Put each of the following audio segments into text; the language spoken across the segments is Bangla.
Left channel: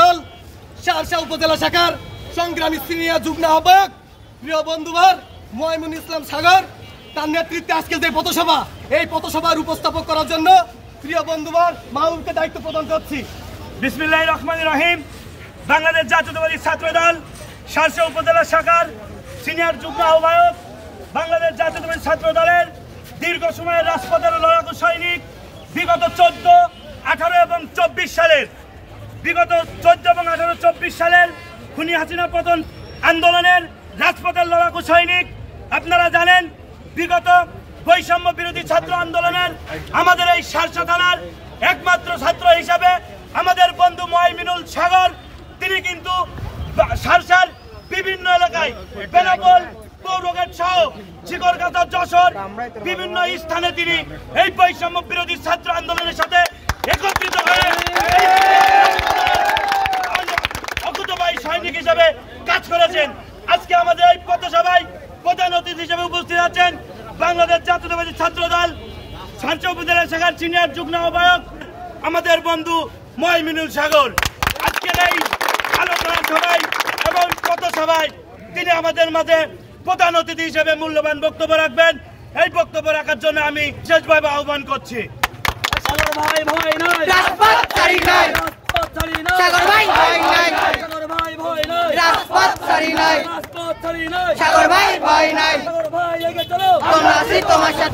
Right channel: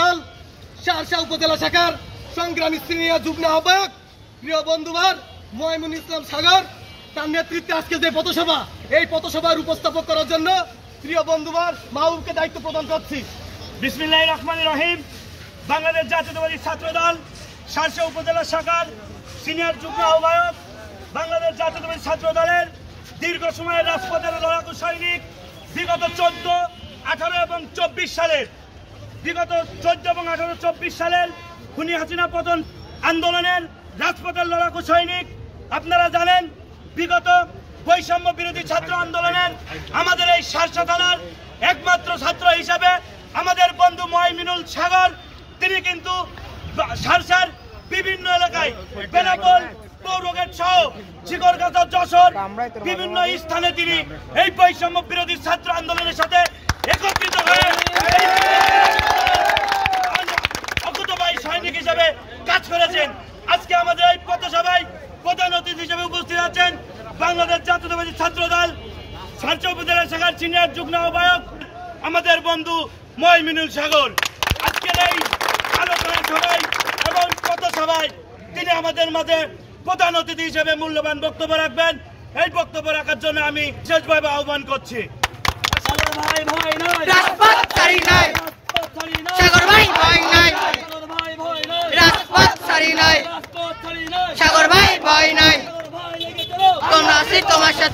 দল শার্শা উপজেলা শাখার সংগ্রামী সিনিয়র যুগ্ম আহ্বায়ক প্রিয় বন্ধুবার ময়মুন ইসলাম সাগর তার নেতৃত্বে আজকে যে পথসভা, এই পথসভার উপস্থাপক করার জন্য প্রিয় বন্ধুবার মাহবুবকে দায়িত্ব প্রদান করছি। বিসমিল্লাহির রহমানির রহিম। বাংলাদেশ জাতীয়তাবাদী ছাত্রদল শার্শা উপজেলা শাখার সিনিয়র যুগ্ম আহ্বায়ক, বাংলাদেশ জাতীয়তাবাদী ছাত্রদলের দীর্ঘ সময়ের রাজপথের লড়াকু সৈনিক, বিগত 14, 18 এবং 24 সালের খুনি হাসিনা পতন আন্দোলনের রাজপথের লড়াকু সৈনিক। আপনারা জানেন বিগত বৈষম্য বিরোধী ছাত্র আন্দোলনের আমাদের এই শার্শা থানার একমাত্র ছাত্র হিসাবে আমাদের বন্ধু ময়মুনুল সাগর, তিনি কিন্তু শার্শার বিভিন্ন এলাকায় বেনাপোল, পৌরঘাট সহ শিকরগাছা, যশোর বিভিন্ন স্থানে তিনি এই বৈষম্য বিরোধী ছাত্র আন্দোলনের সাথে একত্রিত হয়ে অকুতোবাই সৈনিক হিসেবে কাজ করেছেন। আজকে আমাদের এই পথসভায় প্রধান অতিথি হিসেবে উপস্থিত আছেন বাংলাদেশ জাতীয়তাবাদী ছাত্রদল শার্শা উপজেলা শাখার সিনিয়র যুগ্ম আহ্বায়ক আমাদের বন্ধু ময়মুনুল সাগর। আজকের এই আলোচনা সভায় এবং পথসভায় তিনি আমাদের মাঝে প্রধান অতিথি হিসেবে মূল্যবান বক্তব্য রাখবেন। এই বক্তব্য রাখার জন্য আমি বিশেষভাবে আহ্বান করছি।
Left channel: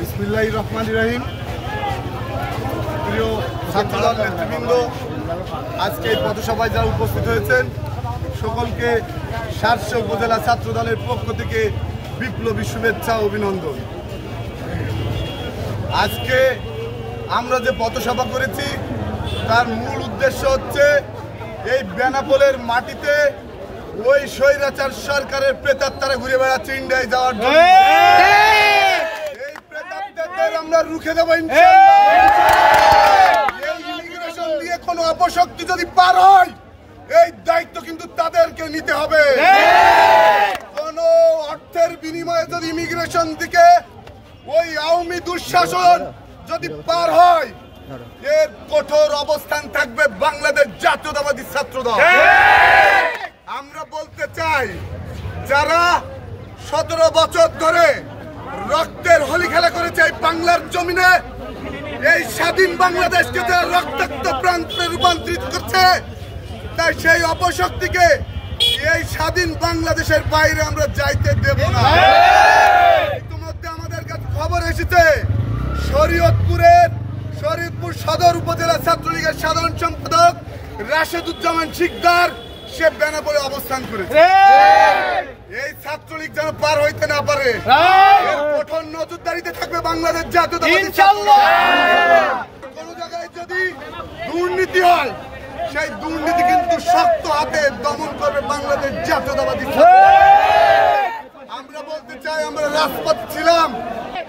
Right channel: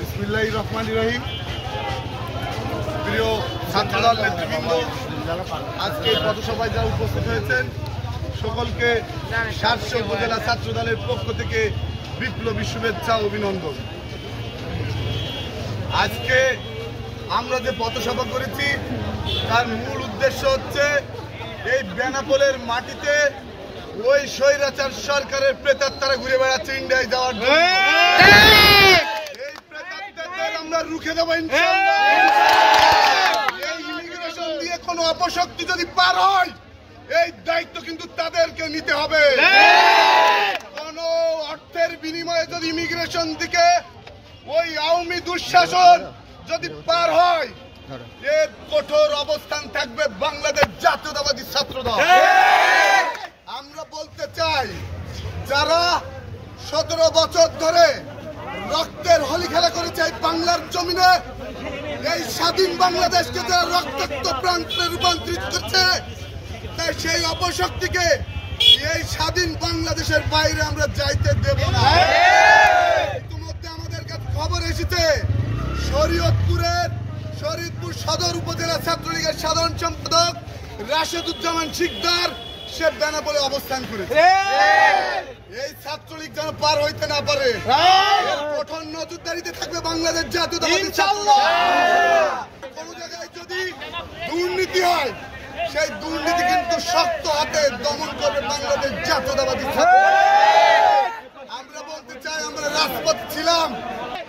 বিসমিল্লাহির রহমানির রহিম। প্রিয় ছাত্রদল নেতৃবৃন্দ, আজকে এই পথসভায় যারা উপস্থিত হয়েছেন সকলকে শার্শা উপজেলা ছাত্রদলের পক্ষ থেকে বিপ্লবী শুভেচ্ছা ও অভিনন্দন। আজকে আমরা যে পথসভা করেছি তার মূল উদ্দেশ্য হচ্ছে এই বেনাপোলের মাটিতে ওই স্বৈরাচার সরকারের প্রেতাত্মারা ঘুরে বেড়াচ্ছে ইন্ডিয়ায় যাওয়ার জন্য। এই প্রেতাত্মাদের আমরা রুখে দেবো ইনশাআল্লাহ। এই ইমিগ্রেশন দিয়ে কোনো অপশক্তি যদি পার হয় এই দায়িত্ব কিন্তু তাদেরকে নিতে হবে। কোন অর্থের বিনিময়ে যদি ইমিগ্রেশন দিকে ওই আওয়ামী দুঃশাসন যদি পার হয় এর কঠোর অবস্থান থাকবে বাংলাদেশ জাতীয়তাবাদী ছাত্রদল। আমরা বলতে চাই, যারা 17 বছর ধরে রক্তের হোলি খেলা করেছে এই বাংলার জমিনে, এই স্বাধীন বাংলাদেশকে যারা রক্তাক্ত প্রান্তে রূপান্তরিত করছে, তাই সেই অপশক্তিকে এই স্বাধীন বাংলাদেশের বাইরে আমরা যাইতে দেব না। ইতিমধ্যে আমাদের কাছে খবর এসেছে শরীয়তপুর সদর উপজেলা ছাত্রলীগের সাধারণ সম্পাদক রাশেদুজ্জামান শিকদার সে বেনাপোলে অবস্থান করেছে। এই ছাত্রলীগ যেন পার হইতে না পারে এর কঠোর নজরদারিতে থাকবে বাংলাদেশ জাতীয়তাবাদী ছাত্রদল। কোন জায়গায় যদি দুর্নীতি হয় সেই দুর্নীতি কিন্তু শক্ত হাতে দমন করবে বাংলাদেশ জাতীয়তাবাদী ছাত্রদল। আমরা বলতে চাই, আমরা রাজপথে ছিলাম,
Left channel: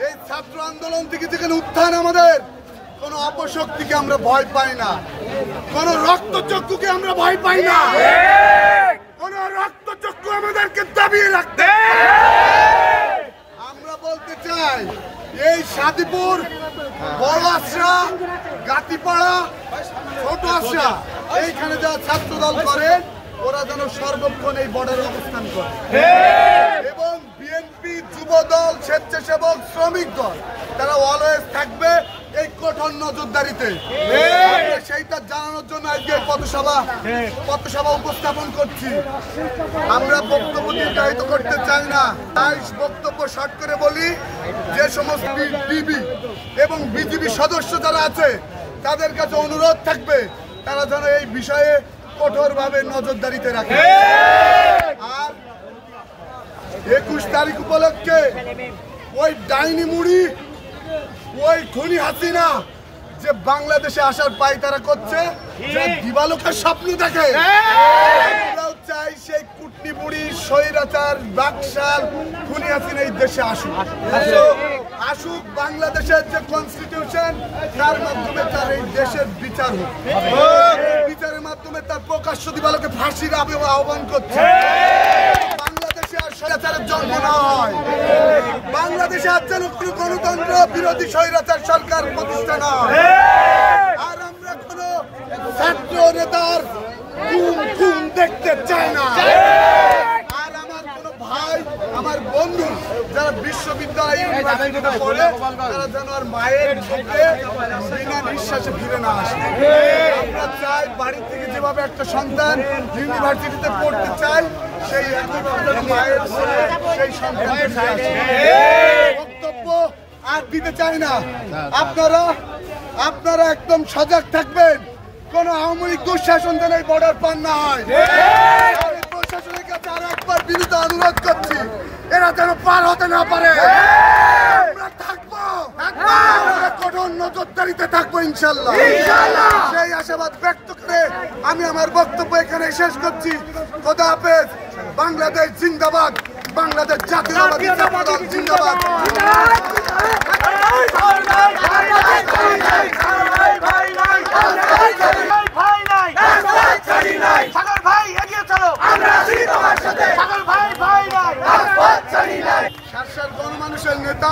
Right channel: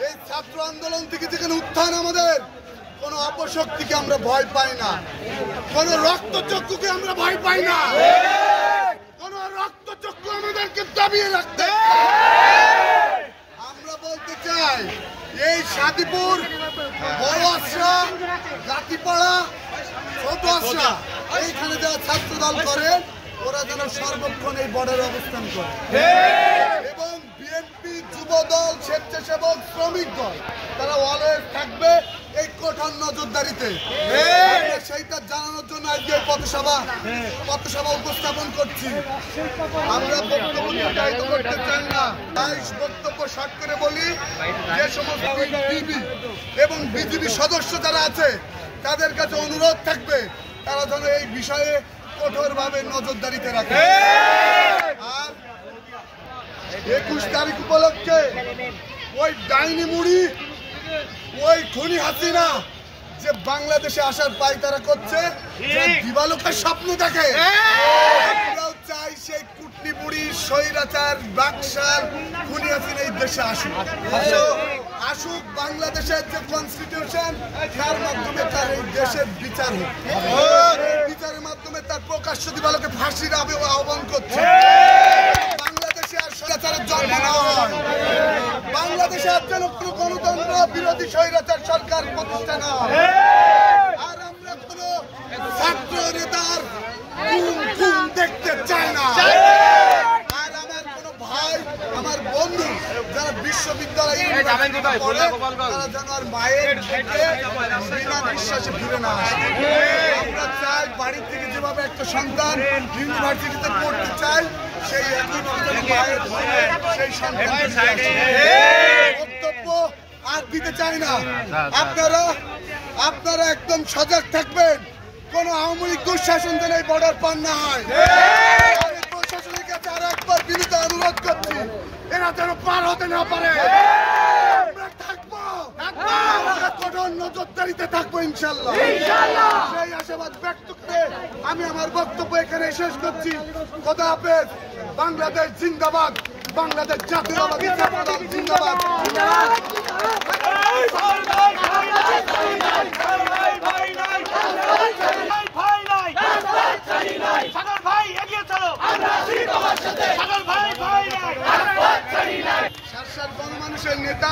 এই ছাত্র আন্দোলন থেকে যেখানে উত্থান, আমাদের কোন অপশক্তিকে আমরা ভয় পাই না, কোন রক্তচক্ষুকে আমরা ভয় পাই না, কোন রক্তচক্ষু আমাদেরকে দাবিয়ে রাখতে। আমরা বলতে চাই, এই সাদিপুর, বড় আশ্রা, গাতিপাড়া, ছোট আশ্রা, এইখানে যারা ছাত্রদল করেন ওরা যেন সর্বক্ষণ এই বর্ডারে অবস্থান করে, এবং বিএনপি, যুবদল, স্বেচ্ছাসেবক, শ্রমিক দল তারা অলওয়েজ থাকবে এই কঠোর নজরদারিতে। সেইটা জানানোর জন্য আজকে পথসভা উপস্থাপন করছি। আমরা বক্তব্য নির্ধারিত করতে চাই না, তাই বক্তব্য শর্ট করে বলি, যে সমস্ত বিবি এবং বিজিবি সদস্য যারা আছে তাদের কাছে অনুরোধ থাকবে তারা যেন এই বিষয়ে কঠোরভাবে নজরদারিতে রাখে। আর 21 তারিখ উপলক্ষে ওই ডাইনি মুড়ি, ওই খুনি হাসিনা যে বাংলাদেশে আসার পায়তারা করছে, যে দিবালোকের স্বপ্ন দেখে, আমরাও চাই সেই কুটনি বুড়ি, স্বৈরাচার, বাকশাল, খুনি হাসিনা এই দেশে আসুক। বাংলাদেশের যে কনস্টিটিউশন তার মাধ্যমে তার এই দেশের বিচার হোক, বিচারের মাধ্যমে তার প্রকাশ্য দিবালোকে ফাঁসির আহ্বান করছে। বাংলাদেশে আর স্বৈরাচারের জন্ম না হয়, বাংলাদেশে আর যেন কোনো গণতন্ত্র বিরোধী স্বৈরাচার সরকার প্রতিষ্ঠা না হয়। আর আমরা কোন ছাত্র নেতার চাই না। আর আমার কোনো ভাই, আমার বন্ধু যারা বিশ্ববিদ্যালয়ে পড়ে তারা যেন আর মায়ের থেকে বিনা বিশ্বাসে ফিরে না আসে। আমরা চাই বাড়ি থেকে যেভাবে একটা সন্তান ইউনিভার্সিটিতে পড়তে চায় সেই একইভাবে যেন মায়ের থেকে সেই সন্তান ফিরে আসে। বক্তব্য আর দিতে চাই না। আপনারা একদম সজাগ থাকবেন, কোন আওয়ামী লীগ দুঃশাসন যেন এই বর্ডার পার না হয়। আমি প্রশাসনের কাছে আর একবার বিনীত অনুরোধ করছি, এরা যেন পার হতে না পারে। আমরা থাকবো, আমরা কঠোর নজরদারিতে থাকবো ইনশাল্লাহ। সেই আশাবাদ ব্যক্ত করে আমি আমার বক্তব্য এখানে শেষ করছি। খোদা হাফেজ। বাংলাদেশ জিন্দাবাদ, বাংলাদেশ জাতীয়তাবাদী ছাত্র দল জিন্দাবাদ। শার্শার গণমানুষের নেতা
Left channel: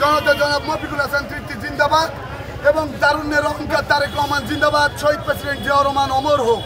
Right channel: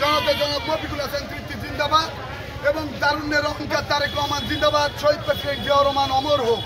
জনতা জনাব মফিকুল হাসান তৃপ্তি জিন্দাবাদ এবং তারুণ্যের অহংকার তারেক রহমান জিন্দাবাদ। শহীদ প্রেসিডেন্ট জিয়াউর রহমান অমর হোক।